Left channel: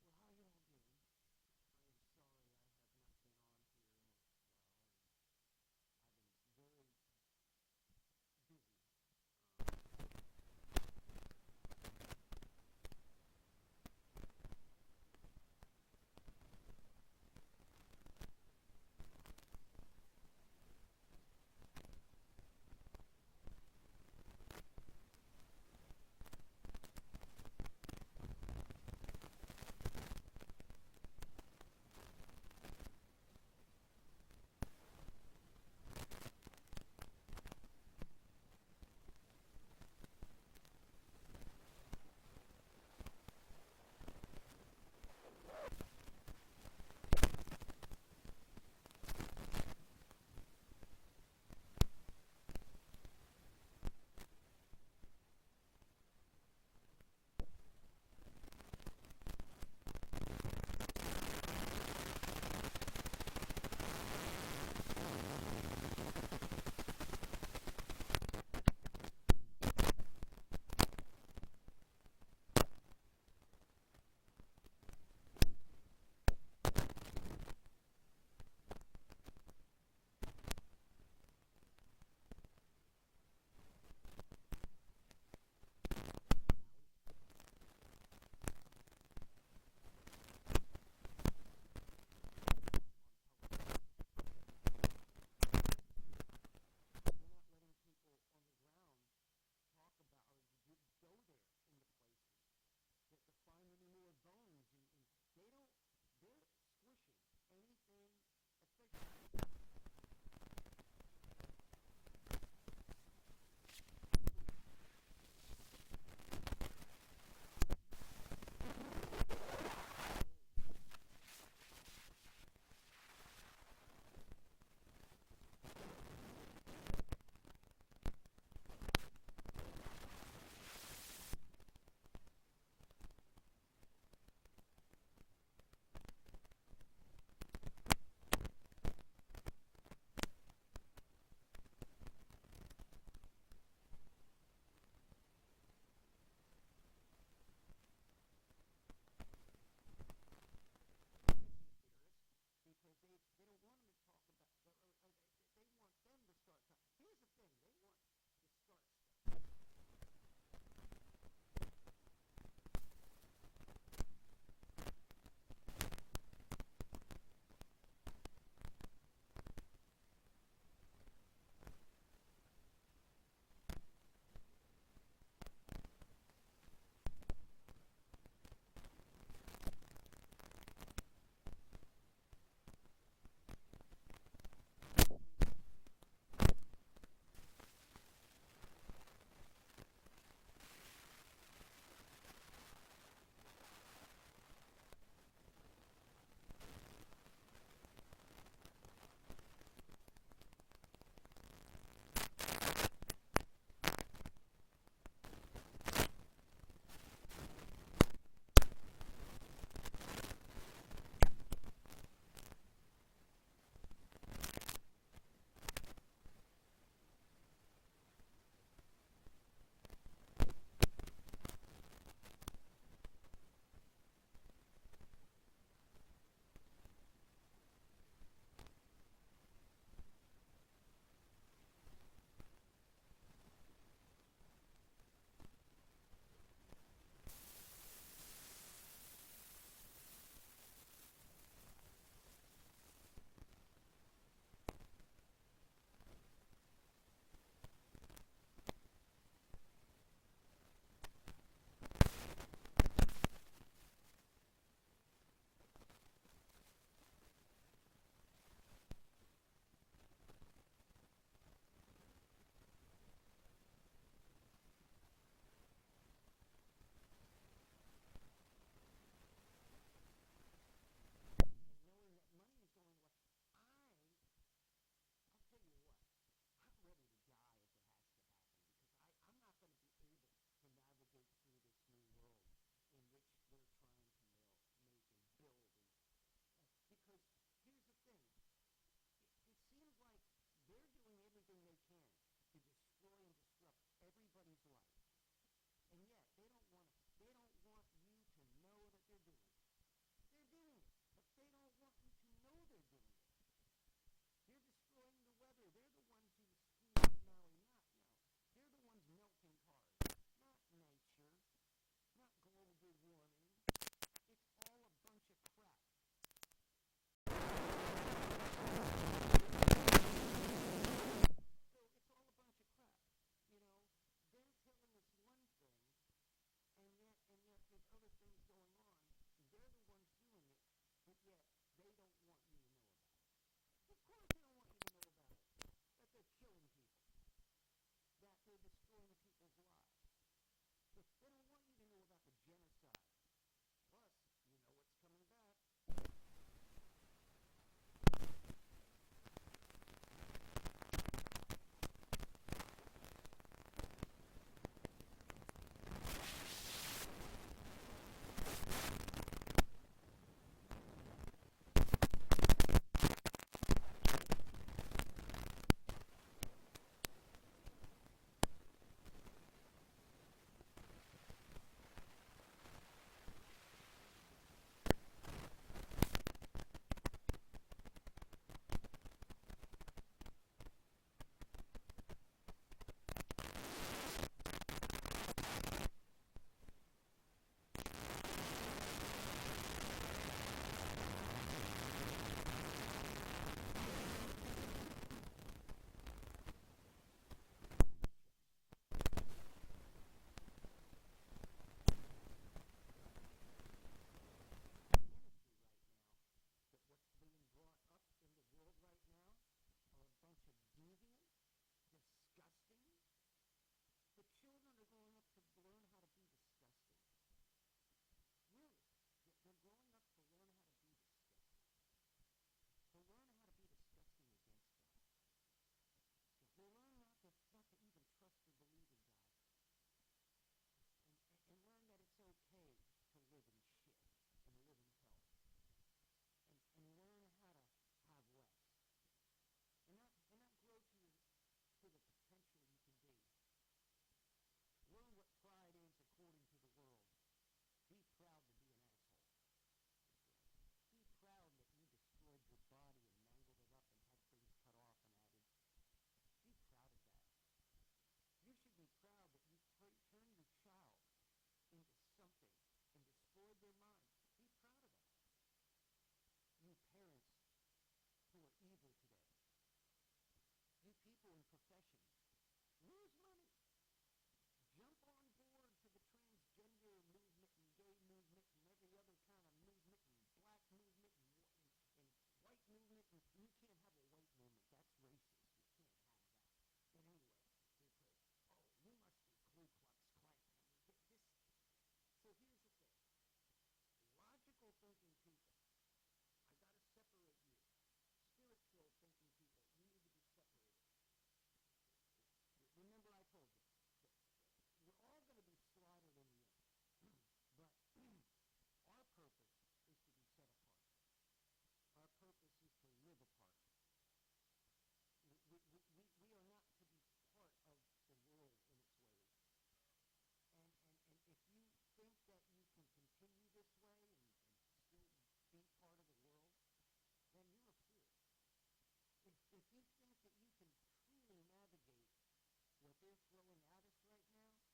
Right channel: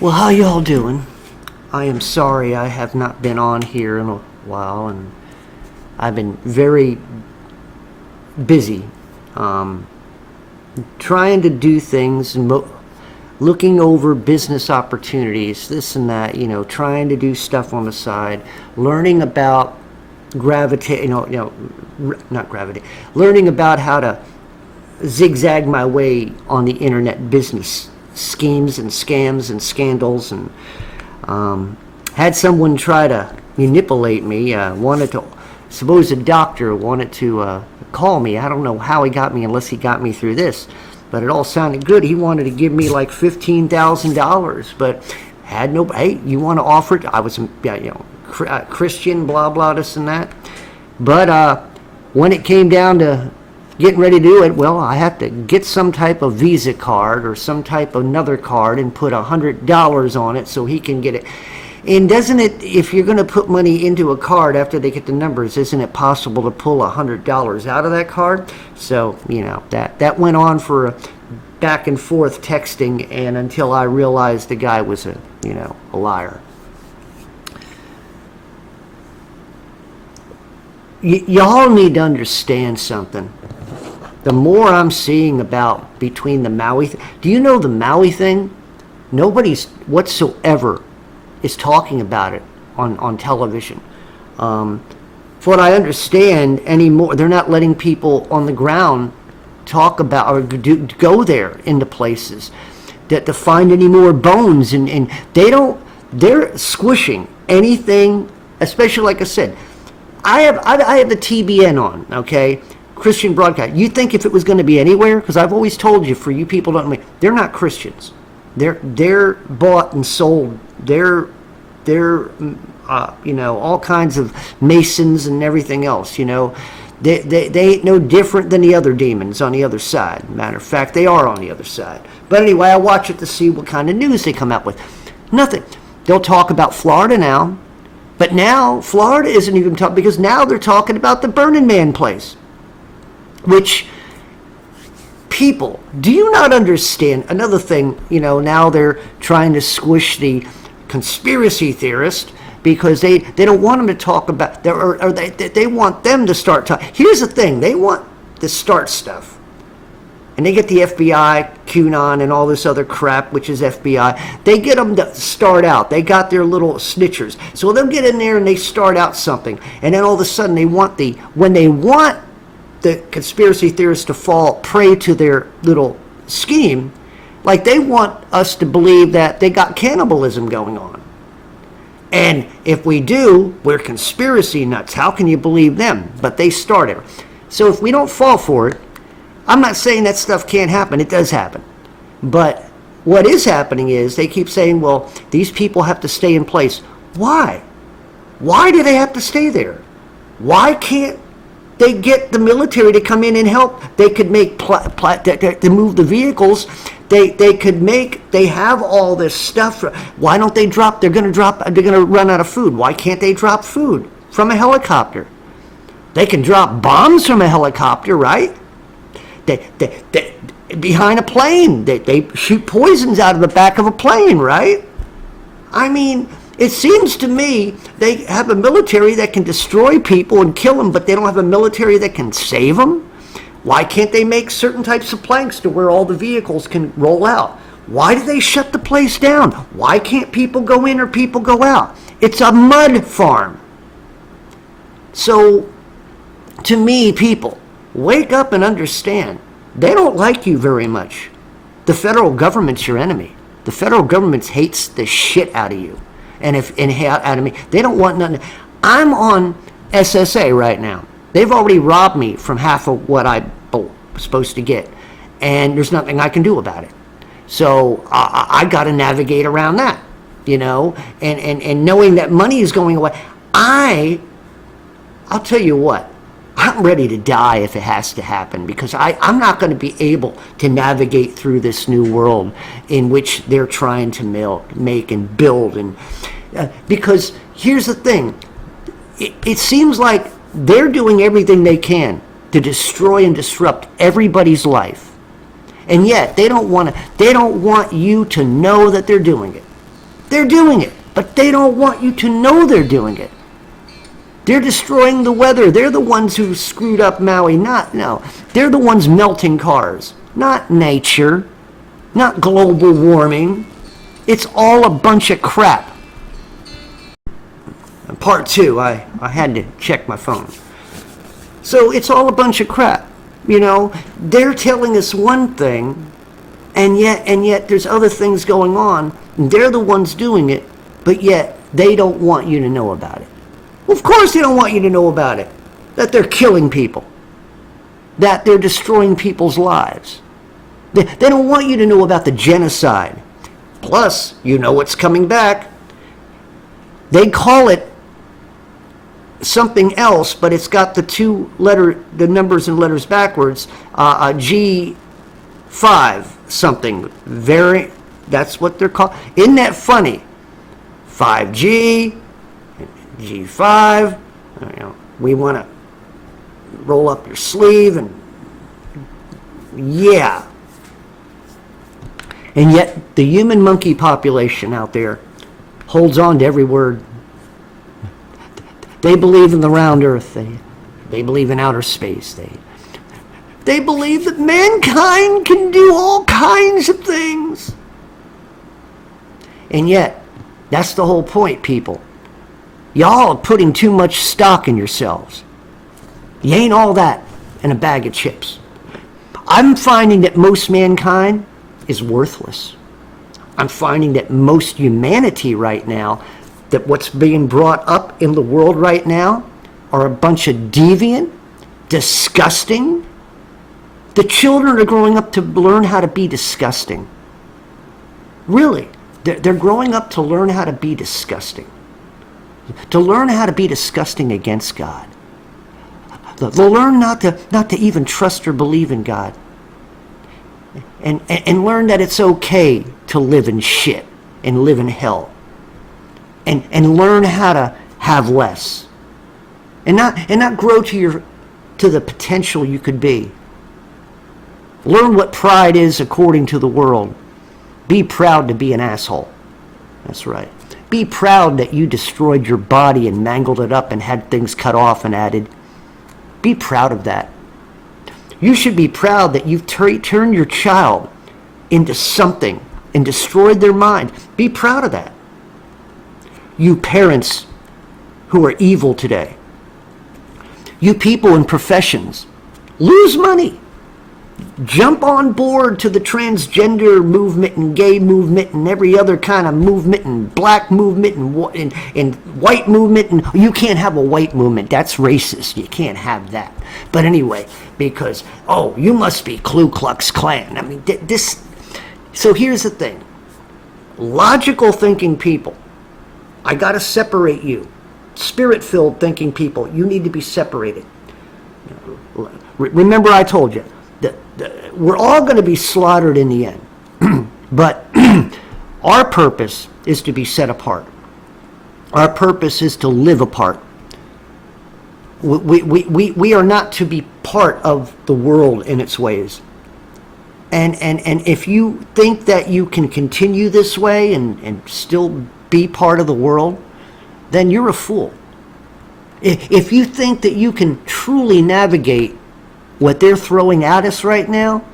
Well, how y'all doing? I am sorry I have not been on here in a while, and I've been very busy um, trying to do things and looking over business opportunities, this and that, trying to do stuff on the side, learning about gravitate, not gravity, learning about how to zigzag my way on the internet business schemes and scams and scandals, and had someone try to manipulate me. Wanted to, suppose a doctor wanted to call me. I don't know how he got me unless he got me through this, but it all sounded good. He wanted to give me like $15,000, but had no. Hey, you want to offer it? I was, Christian, blah blah, this and that. But when it came down to getting ready to do it, well, I have to get some type of Visa card or some type of another card and put $100 on it so he can get it. And doesn't it, if you're going to put money into a card after they get the numbers, isn't it possible to pull $100 out of that card? So, that went on for a back and forth texting, and until I realized the guy was a liar. Y'all need to understand something. The more I'm seeing about between the Maui, do you know the Maui thing? Nobody's whatsoever is talking about it on television. For what I understand anymore, they're not letting people on the ground talk about or go there into places to find any more bones, and they're squishing anything, especially like I said. I have the TBN on, okay? Christian broadcast. You think if it was going to be anywhere? Because I've always told you, for you people don't know, they're not Christians. They're bought and sold. They're all kinds of Masons and everything else. They ain't no different than the other demons on the other side. Matter of fact, they are on the other side. But anyway, I watch it to see what kind of news they come out with. Nothing. They'll talk about Florida now, but now Florida isn't even talking, because now they're talking about the Burning Man place. Which, people, do you not understand? Another thing, now they're trying to squish the conspiracy theorist because they don't want them to talk about, or they want them to start talking. Here's the thing, they want to start stuff. And they get the FBI, QAnon, and all this other crap, which is FBI. They get them to start out. They got their little snitchers. So they'll get in there and they start out something. And then all of a sudden when they want the conspiracy theorists to fall prey to their little scheme, like they want us to believe that they got cannibalism going on. And if we do, we're conspiracy nuts. How can you believe them? But they started. So if we don't fall for it, I'm not saying that stuff can't happen. It does happen. But what is happening is they keep saying, well, these people have to stay in place. Why? Why do they have to stay there? Why can't they get the military to come in and help? They could make to move the vehicles. They have all this stuff. Why don't they drop? They're going to run out of food. Why can't they drop food from a helicopter? They can drop bombs from a helicopter, right? They behind a plane. They shoot poisons out of the back of a plane, right? I mean, it seems to me they have a military that can destroy people and kill them, but they don't have a military that can save them. Why can't they make certain types of planks to where all the vehicles can roll out? Why do they shut the place down? Why can't people go in or people go out? It's a mud farm. So, to me, people, wake up and understand. They don't like you very much. The federal government's your enemy. The federal government hates the shit out of you. And out of me, they don't want nothing. I'm on SSA right now. They've already robbed me from half of what I was supposed to get, and there's nothing I can do about it. So I got to navigate around that, and knowing that money is going away. I'll tell you what, I'm ready to die if it has to happen, because I'm not going to be able to navigate through this new world in which they're trying to make and build. And because here's the thing, it seems like they're doing everything they can to destroy and disrupt everybody's life, and yet they don't want you to know that they're doing it. They're doing it, but they don't want you to know they're doing it. They're destroying the weather. They're the ones who screwed up Maui. No. They're the ones melting cars, not nature, not global warming. It's all a bunch of crap. Part two, I had to check my phone. So it's all a bunch of crap. They're telling us one thing, and yet there's other things going on. And they're the ones doing it, but yet they don't want you to know about it. Well, of course they don't want you to know about it. That they're killing people. That they're destroying people's lives. They don't want you to know about the genocide. Plus, what's coming back. They call it something else, but it's got the numbers and letters backwards. G5 something. That's what they're called. Isn't that funny? 5G, G5. We want to roll up your sleeve and yeah. And yet the human monkey population out there holds on to every word. They believe in the round earth. They believe in outer space. They believe that mankind can do all kinds of things. And yet, that's the whole point, people. Y'all are putting too much stock in yourselves. You ain't all that in a bag of chips. I'm finding that most mankind is worthless. I'm finding that most humanity right now, that what's being brought up in the world right now are a bunch of deviant, disgusting. The children are growing up to learn how to be disgusting. Really, they're growing up to learn how to be disgusting. To learn how to be disgusting against God. They'll learn not to even trust or believe in God. And learn that it's okay to live in shit and live in hell. And learn how to have less. And not grow to the potential you could be. Learn what pride is according to the world. Be proud to be an asshole. That's right. Be proud that you destroyed your body and mangled it up and had things cut off and added. Be proud of that. You should be proud that you've turned your child into something and destroyed their mind. Be proud of that. You parents who are evil today. You people in professions. Lose money. Jump on board to the transgender movement and gay movement and every other kind of movement and black movement and white movement. And you can't have a white movement. That's racist. You can't have that. But anyway, because, you must be Ku Klux Klan. I mean, so here's the thing. Logical thinking people, I got to separate you. Spirit-filled thinking people, you need to be separated. Remember I told you, we're all going to be slaughtered in the end. But our purpose is to be set apart. Our purpose is to live apart. We are not to be part of the world in its ways. And if you think that you can continue this way and still be part of the world, then you're a fool. If you think that you can truly navigate what they're throwing at us right now,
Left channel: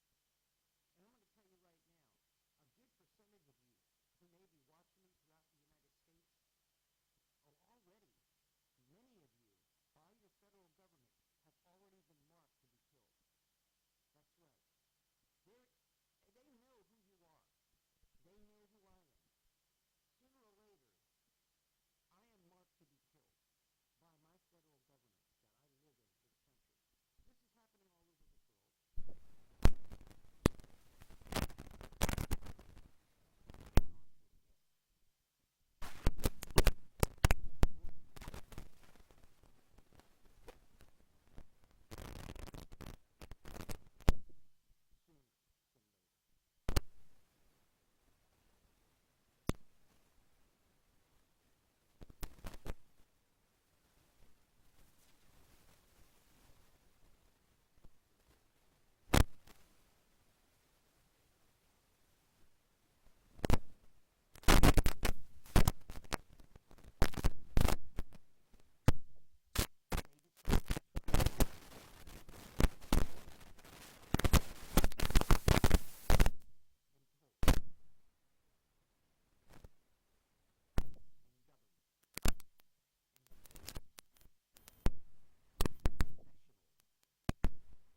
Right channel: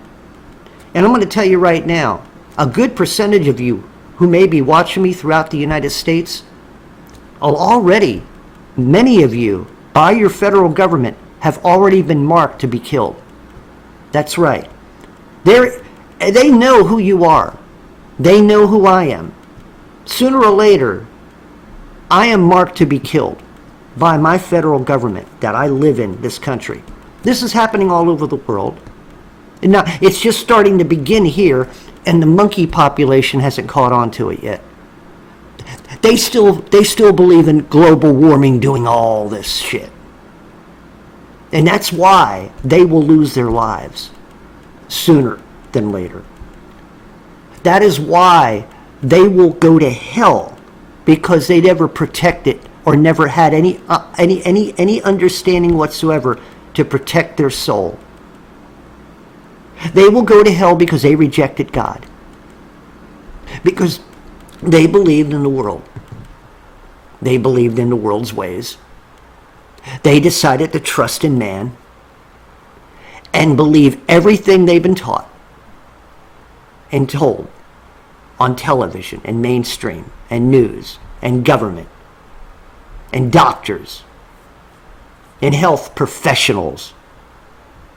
and I'm going to tell you right now, a good percentage of you who may be watching me throughout the United States, already, many of you, by your federal government, have already been marked to be killed. That's right. They know who you are. They know who I am. Sooner or later, I am marked to be killed by my federal government that I live in this country. This is happening all over the world. And now, it's just starting to begin here, and the monkey population hasn't caught on to it yet. They still believe in global warming doing all this shit. And that's why they will lose their lives sooner than later. That is why they will go to hell, because they never protected or never had any understanding whatsoever to protect their soul. They will go to hell because they rejected God. Because They believed in the world. They believed in the world's ways. They decided to trust in man and believe everything they've been taught and told on television and mainstream and news and government and doctors and health professionals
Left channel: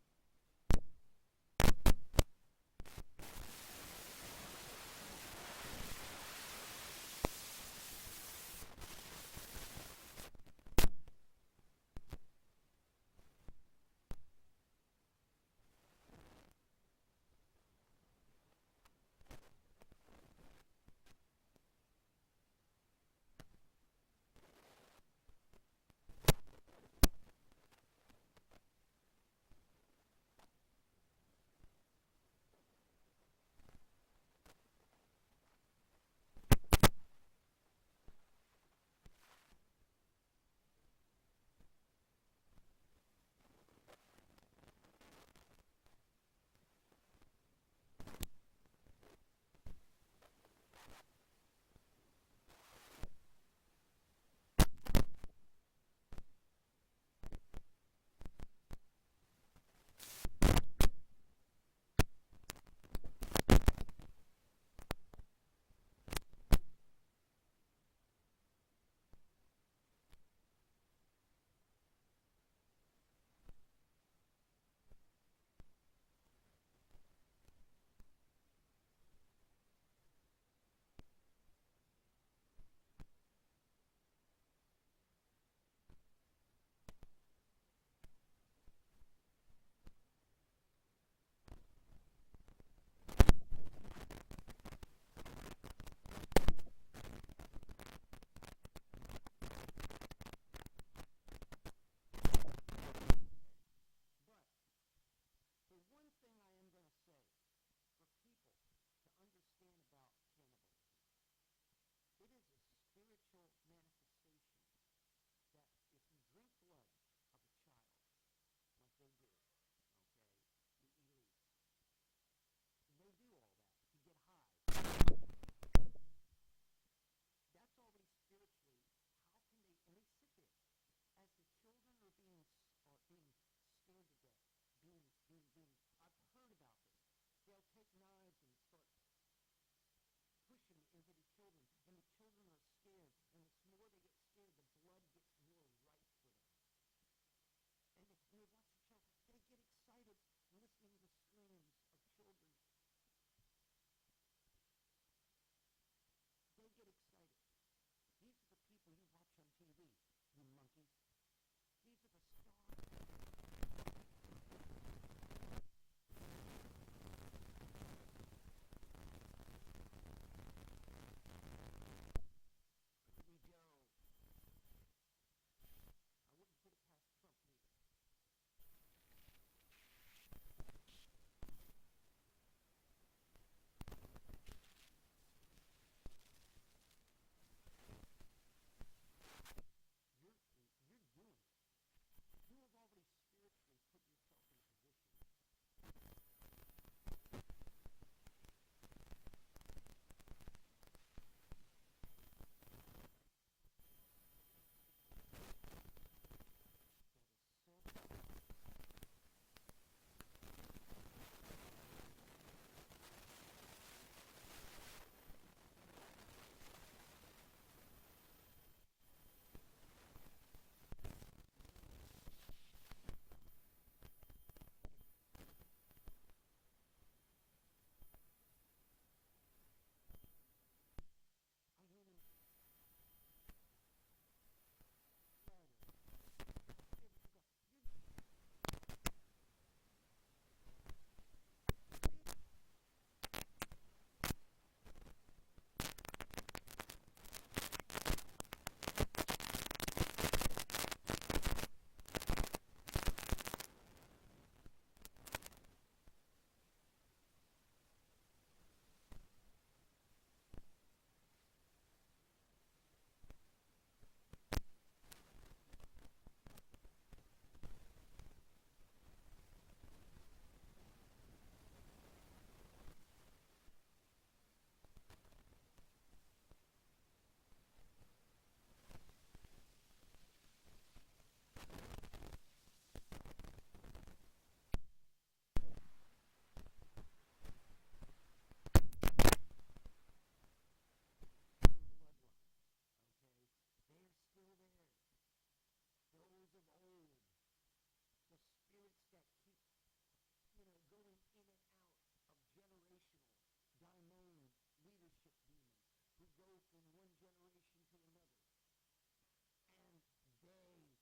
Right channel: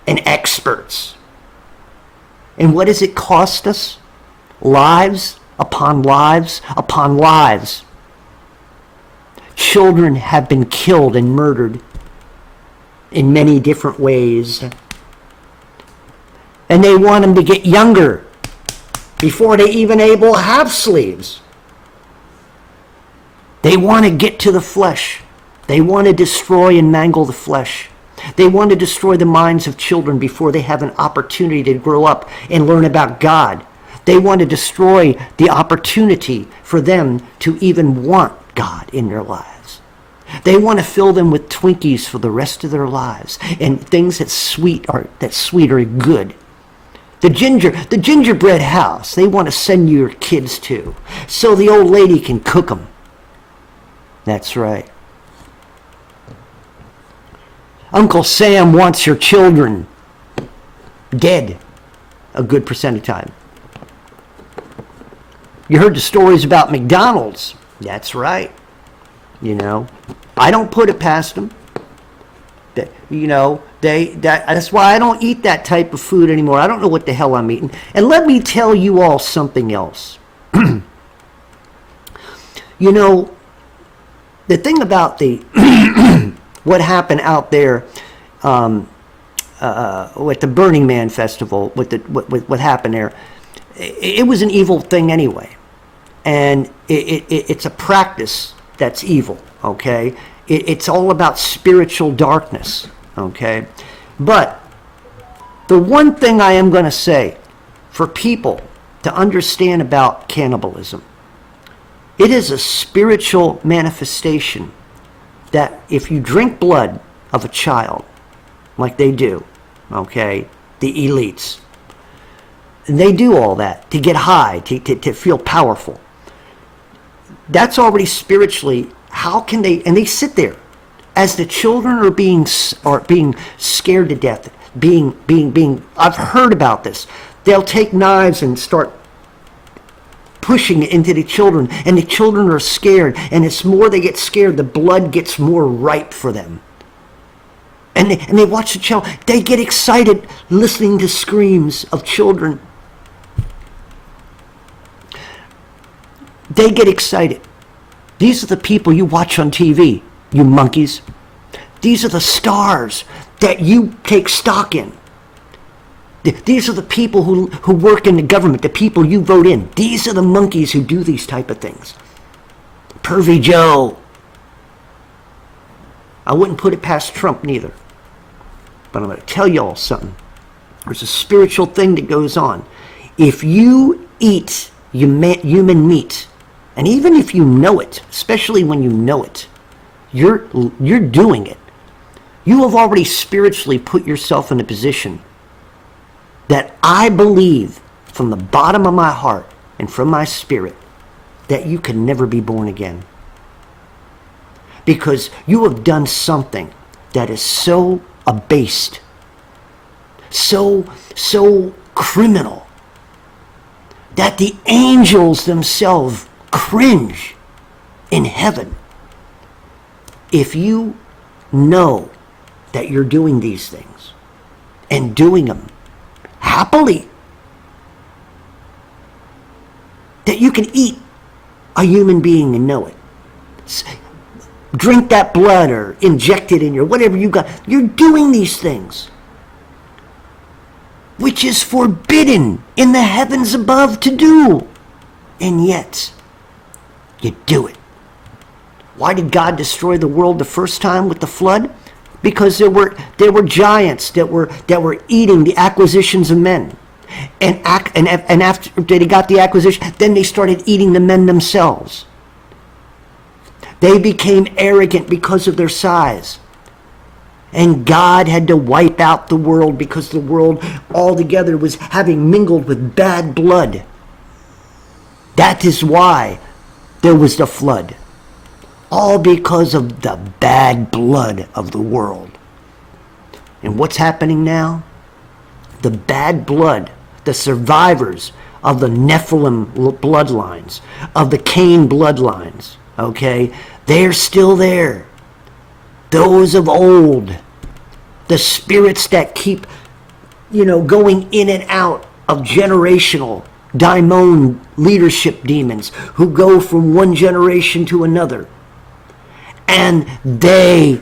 and experts. And what does it cost us? Lives upon lives upon lives. Children have been killed and murdered in many different ways. And they want them to get younger before they even able to have sleeves. They want to get to the flesh. They want to destroy and mangle the flesh. They want to destroy the minds of children before they have an opportunity to grow up and learn about God. They want to destroy the opportunity for them to even want God in their lives. They want to fill them with Twinkies for the rest of their lives and things that sweet are good. The gingerbread house they want to send your kids to so the old lady can cook them. That's right. Uncle Sam wants your children dead a good percent of the time. You heard the stories about McDonald's. That's right. You know, I don't put it past them. That's why I don't eat that type of food anymore. I don't know what the hell I'm eating. And let me tell you all something else. You know, the thing about what happened out there with the Burning Man festival, what happened there, it was an evil thing anyway. And it's a practice that's evil, okay? It's all about spiritual darkness, okay? But the one thing I am going to say for people to understand about cannibalism, it is a spiritual manifestation that if you drink blood of a child, like they do, okay, the elites, and they do all that to get high, to feel powerful. That's already spiritually, how can they, and they sit there as the children are being scared to death, I've heard about this. They'll take knives and start pushing it into the children, and the children are scared, and it's more they get scared, the blood gets more ripe for them. And they watch the child, they get excited listening to screams of children. They get excited. These are the people you watch on TV, you monkeys. These are the stars that you take stock in. These are the people who work in the government, the people you vote in. These are the monkeys who do these type of things. Pervy Joe. I wouldn't put it past Trump neither. But I'm going to tell you all something. There's a spiritual thing that goes on. If you eat human meat, and even if you know it, especially when you know it, you're doing it. You have already spiritually put yourself in a position that I believe from the bottom of my heart and from my spirit that you can never be born again. Because you have done something that is so abased, so criminal, that the angels themselves cringe in heaven. If you know that you're doing these things and doing them happily, that you can eat a human being and know it, drink that blood or inject it in your whatever you got, you're doing these things which is forbidden in the heavens above to do, and yet you do it. Why did God destroy the world the first time with the flood? Because there were giants that were eating the acquisitions of men, and after they got the acquisition, then they started eating the men themselves. They became arrogant because of their size, and God had to wipe out the world because the world altogether was having mingled with bad blood. That is why there was the flood. All because of the bad blood of the world. And what's happening now? The bad blood, the survivors of the Nephilim bloodlines, of the Cain bloodlines, okay? They're still there. Those of old, the spirits that keep, going in and out of generational daimon leadership demons who go from one generation to another. And they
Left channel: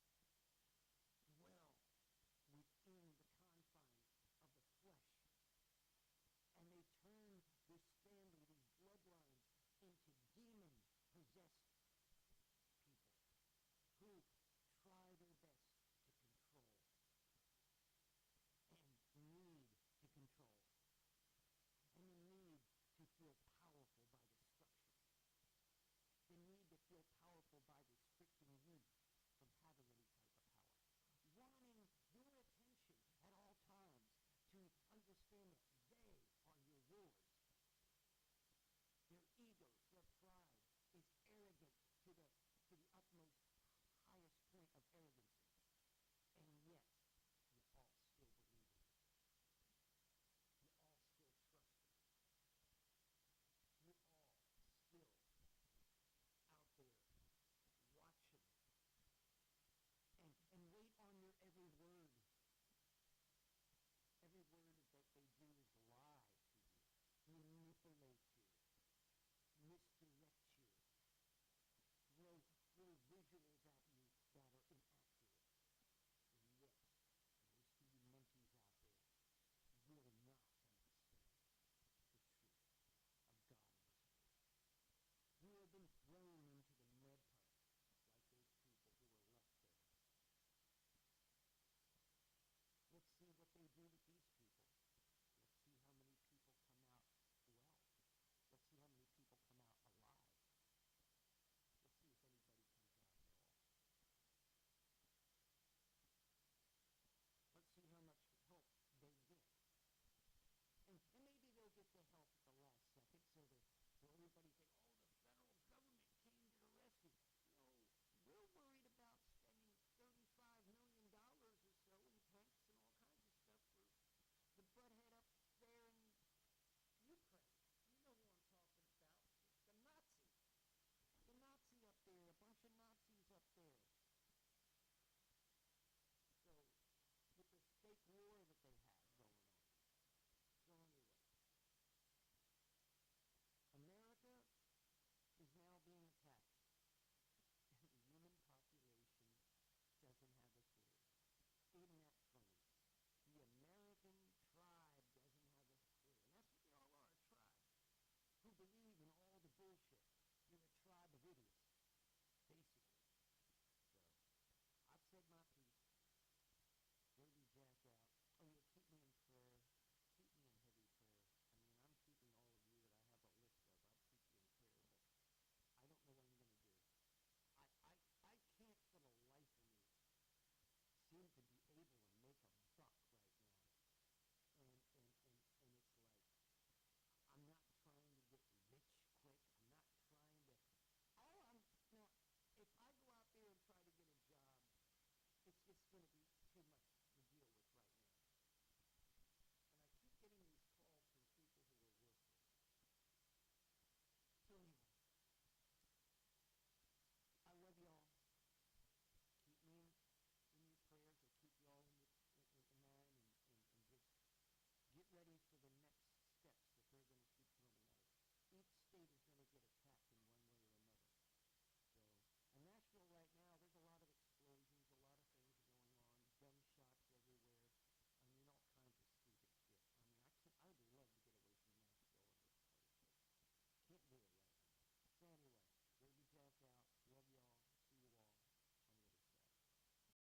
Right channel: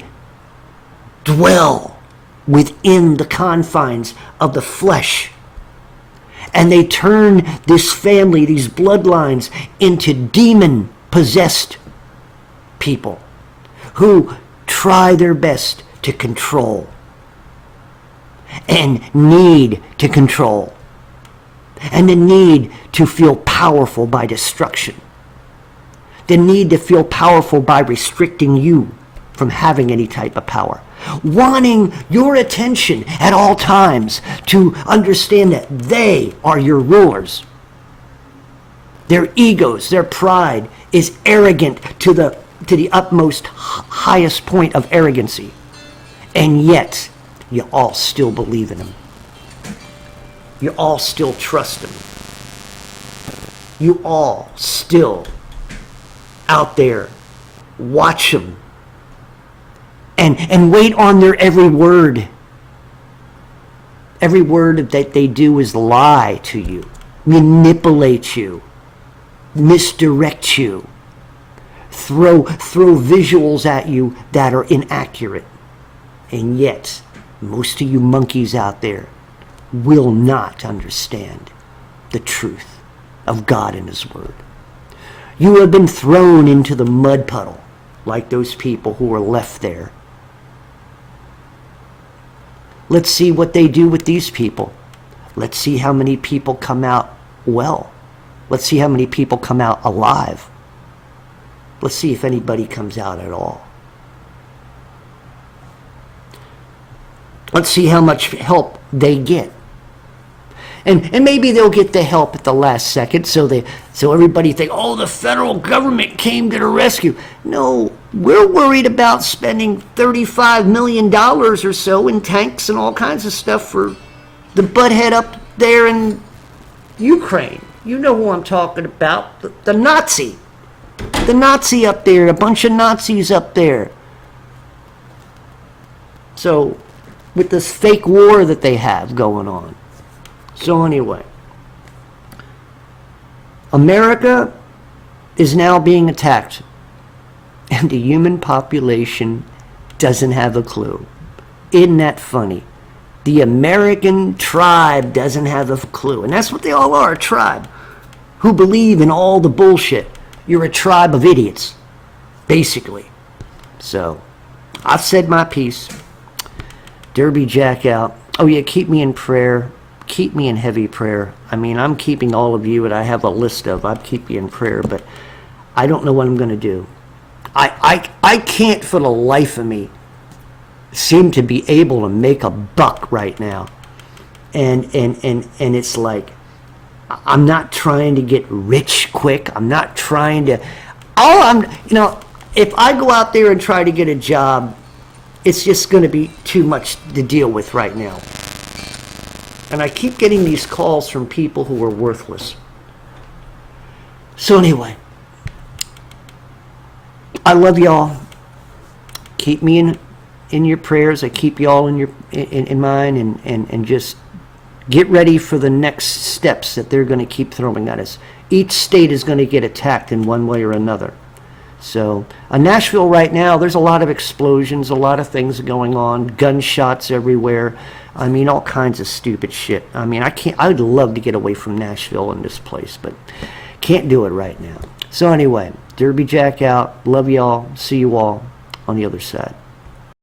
dwell within the confines of the flesh. And they turn this family, these bloodlines, into demon-possessed people who try their best to control and need to control and the need to feel powerful by destruction. The need to feel powerful by restricting you from having any type of power. Wanting your attention at all times to understand that they are your rulers. Their egos, their pride is arrogant to the utmost highest point of arrogancy. And yet, you all still believe in them. You all still trust them. You all still out there watch them and wait on their every word. Every word that they do is lie to you, manipulate you, misdirect you, throw visuals at you that are inaccurate. And yet, most of you monkeys out there will not understand the truth of God and His Word. You have been thrown into the mud puddle like those people who were left there. Let's see what they do with these people. Let's see how many people come out well. Let's see how many people come out alive. Let's see if anybody comes out at all. Let's see how much help they get. And maybe they'll get the help at the last second, so everybody think, oh, the federal government came to the rescue. No, we're worried about spending $35 million or so in tanks and all kinds of stuff for the butthead up there in Ukraine. You know who I'm talking about, the Nazi. The Nazi up there, a bunch of Nazis up there. So, with this fake war that they have going on. So anyway, America is now being attacked, and the human population doesn't have a clue. Isn't that funny? The American tribe doesn't have a clue, and that's what they all are, a tribe, who believe in all the bullshit. You're a tribe of idiots, basically. So, I've said my piece. Derby Jack out. Oh yeah, keep me in prayer. Keep me in heavy prayer. I mean, I'm keeping all of you, and I have a list of, I'd keep you in prayer, but I don't know what I'm going to do. I can't for the life of me seem to be able to make a buck right now. And it's like, I'm not trying to get rich quick. I'm not trying to, if I go out there and try to get a job, it's just going to be too much to deal with right now. And I keep getting these calls from people who are worthless. So anyway, I love y'all. Keep me in your prayers. I keep y'all in mine, and just get ready for the next steps that they're going to keep throwing at us. Each state is going to get attacked in one way or another. So, Nashville right now, there's a lot of explosions, a lot of things going on, gunshots everywhere. I mean, all kinds of stupid shit. I mean, I would love to get away from Nashville and this place, but can't do it right now. So anyway, Derby Jack out. Love y'all. See you all on the other side.